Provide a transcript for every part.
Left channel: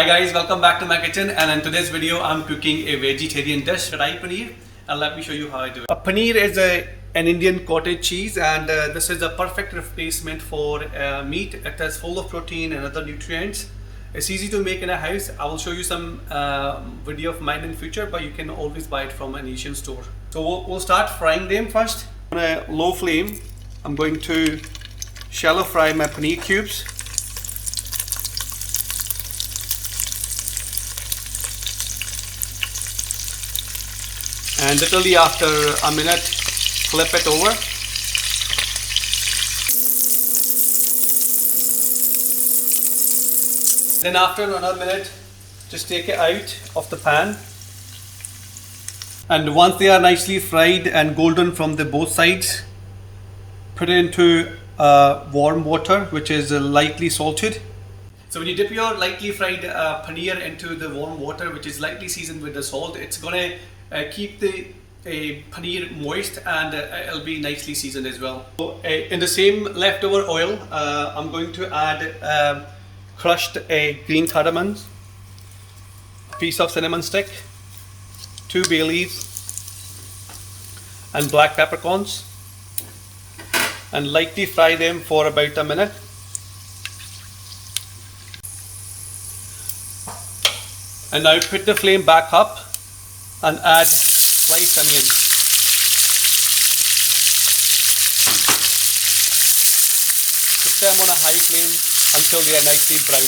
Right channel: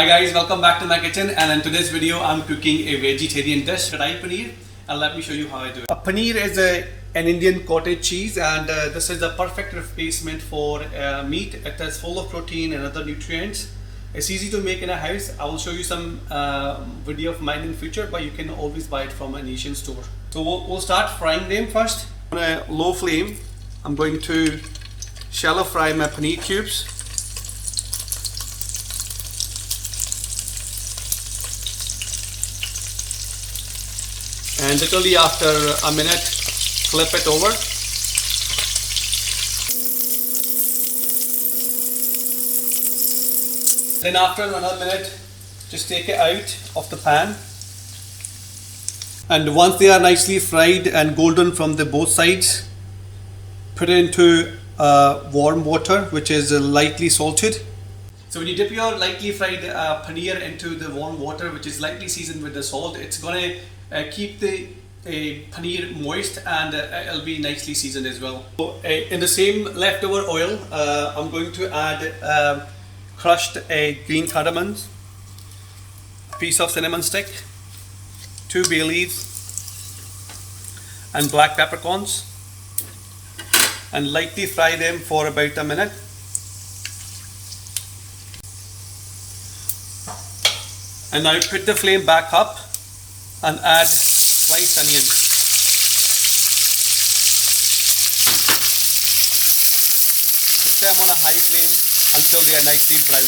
Hi guys, welcome back to my kitchen, and in today's video I'm cooking a vegetarian dish, Karahi Paneer, and let me show you how I do it. Paneer is an Indian cottage cheese, and this is a perfect replacement for meat. It is full of protein and other nutrients. It's easy to make in a house. I will show you some video of mine in future, but you can always buy it from an Asian store. So we'll start frying them first. On a low flame, I'm going to shallow fry my paneer cubes. And literally after a minute, flip it over. Then after another minute, just take it out of the pan. And once they are nicely fried and golden from the both sides, put it into warm water, which is lightly salted. So when you dip your lightly fried paneer into the warm water, which is lightly seasoned with the salt, it's gonna keep the paneer moist, and it'll be nicely seasoned as well. So, in the same leftover oil, I'm going to add crushed green cardamoms, a piece of cinnamon stick, 2 bay leaves, and black peppercorns, and lightly fry them for about a minute. And now put the flame back up and add sliced onions. Put them on a high flame until they are nicely brown.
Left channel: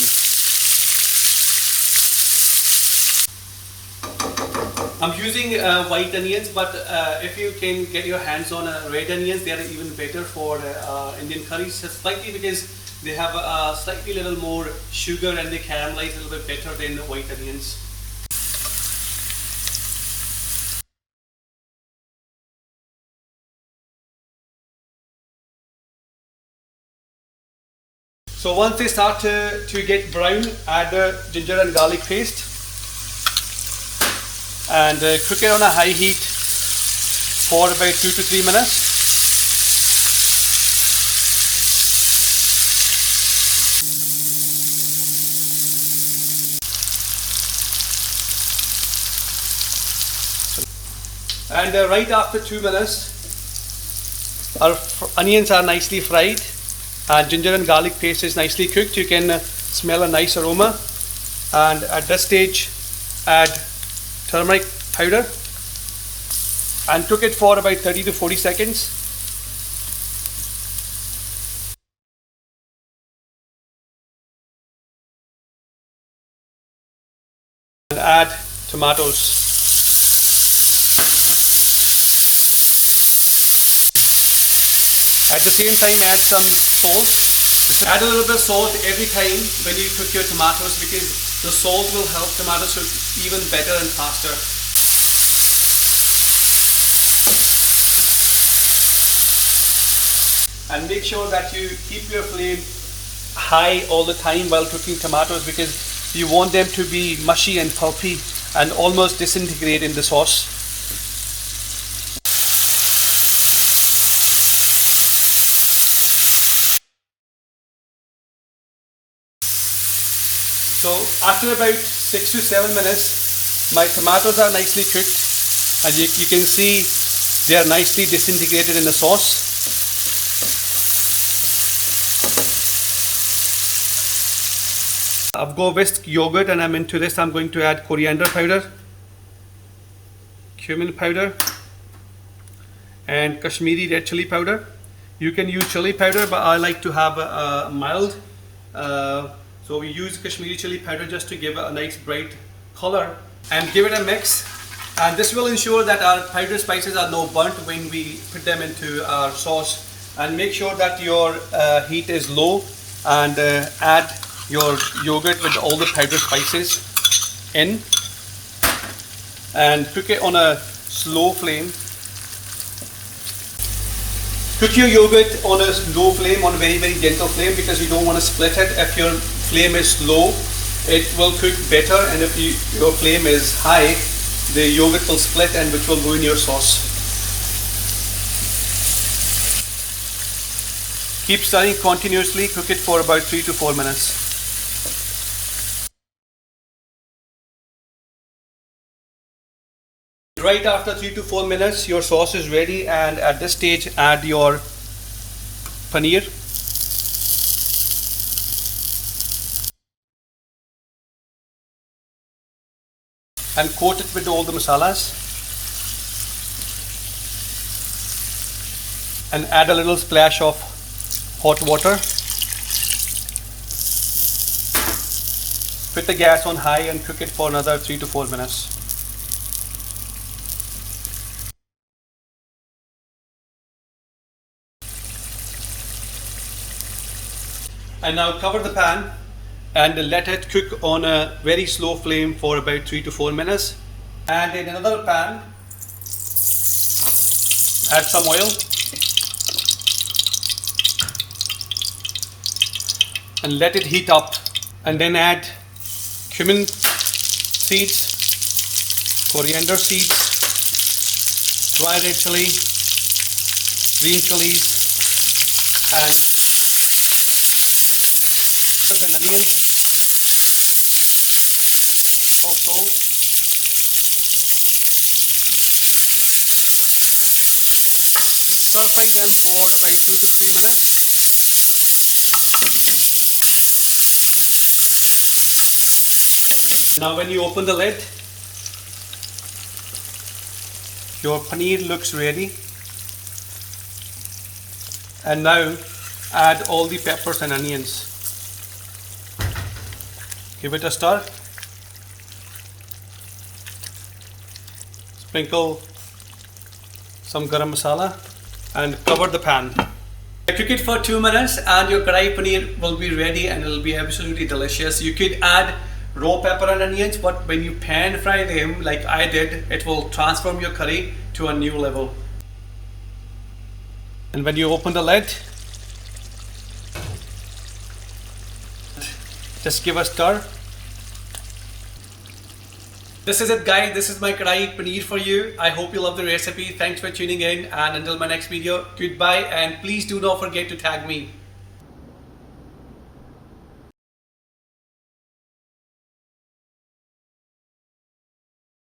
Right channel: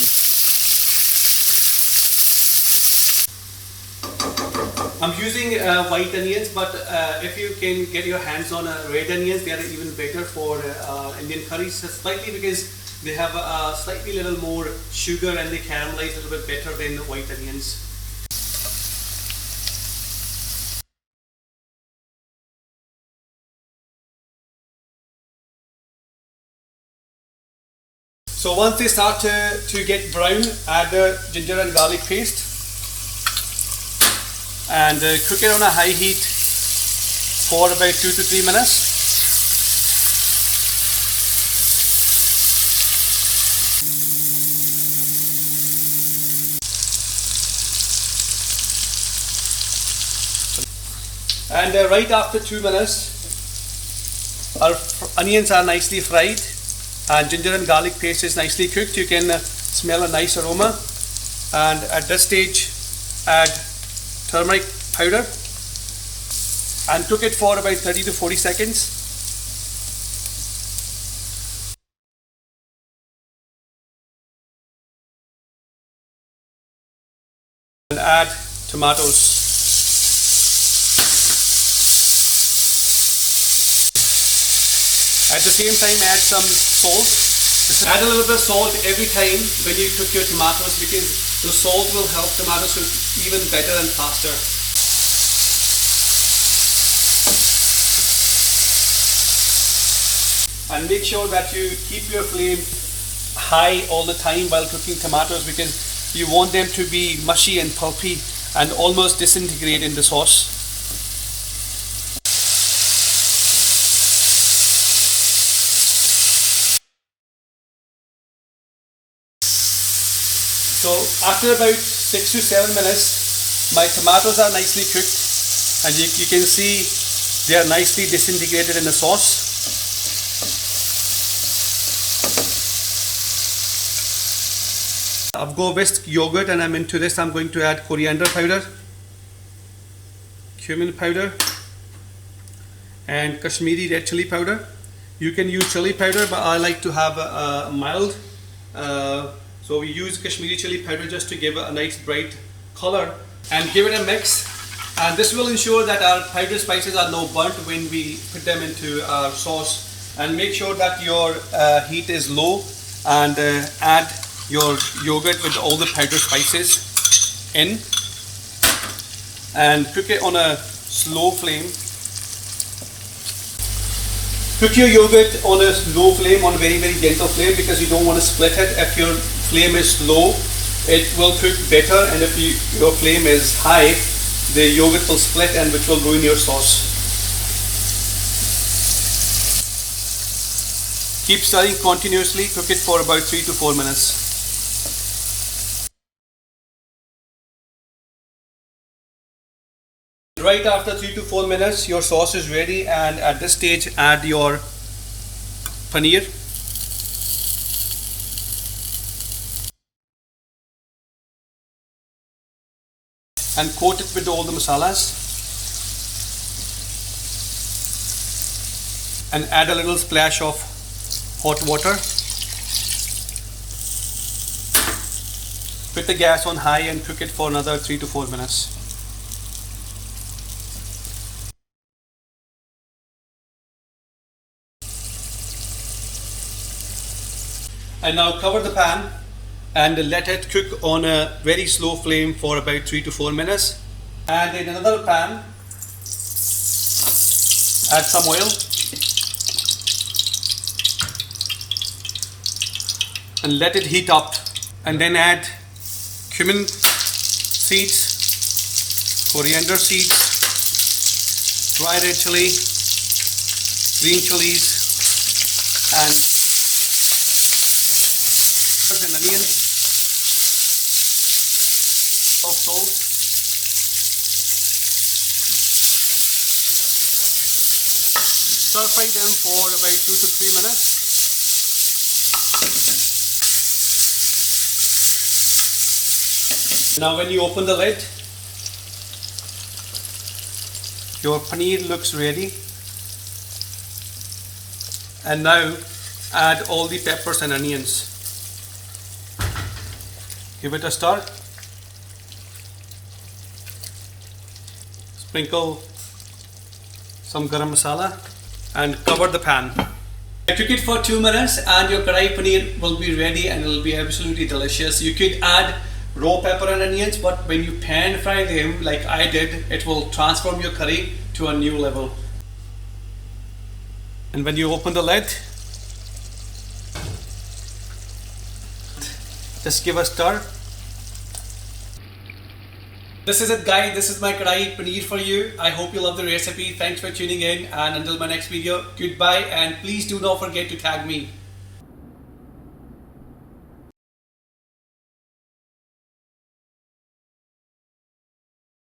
I'm using white onions, but if you can get your hands on red onions, they are even better for Indian curries, slightly because they have a slightly little more sugar and they caramelize a little bit better than white onions. So once they start to get brown, add the ginger and garlic paste and cook it on a high heat for about 2 to 3 minutes. And right after 2 minutes, our onions are nicely fried and ginger and garlic paste is nicely cooked. You can smell a nice aroma, and at this stage add turmeric powder and cook it for about 30 to 40 seconds. And add tomatoes. At the same time, add some salt. Just add a little bit of salt every time when you cook your tomatoes, because the salt will help tomatoes cook even better and faster. And make sure that you keep your flame high all the time while cooking tomatoes, because you want them to be mushy and pulpy and almost disintegrate in the sauce. So after about 6 to 7 minutes, my tomatoes are nicely cooked, and you can see they are nicely disintegrated in the sauce. I've got whisked yogurt, and I'm into this. I'm going to add coriander powder, cumin powder, and Kashmiri red chilli powder. You can use chili powder, but I like to have a mild. So we use Kashmiri chili powder just to give it a nice bright color, and give it a mix. And this will ensure that our powdered spices are not burnt when we put them into our sauce. And make sure that your heat is low, and add your yogurt with all the powdered spices in, and cook it on a slow flame. Cook your yogurt on a low flame, on a very, very gentle flame, because you don't want to split it. If your flame is low, it will cook better, and if your flame is high, the yogurt will split, and which will ruin your sauce. Keep stirring continuously, cook it for about 3 to 4 minutes. Right after 3 to 4 minutes, your sauce is ready, and at this stage, add your paneer. And coat it with all the masalas. And add a little splash of hot water. Put the gas on high and cook it for another 3 to 4 minutes. And now cover the pan and let it cook on a very slow flame for about 3 to 4 minutes. And in another pan, add some oil and let it heat up. And then add cumin seeds, coriander seeds, dry red chilli, green chilies, and onions, salt. Stir fry them for about 2 to 3 minutes. Now when you open the lid, your paneer looks ready. And now add all the peppers and onions. Give it a stir. Sprinkle some garam masala and cover the pan. Cook it for 2 minutes and your karahi paneer will be ready, and it will be absolutely delicious. You could add raw pepper and onions, but when you pan fry them like I did, it will transform your curry to a new level. And when you open the lid, just give a stir. This is it, guys. This is my karahi paneer for you. I hope you love the recipe. Thanks for tuning in, and until my next video, goodbye, and please do not forget to tag me.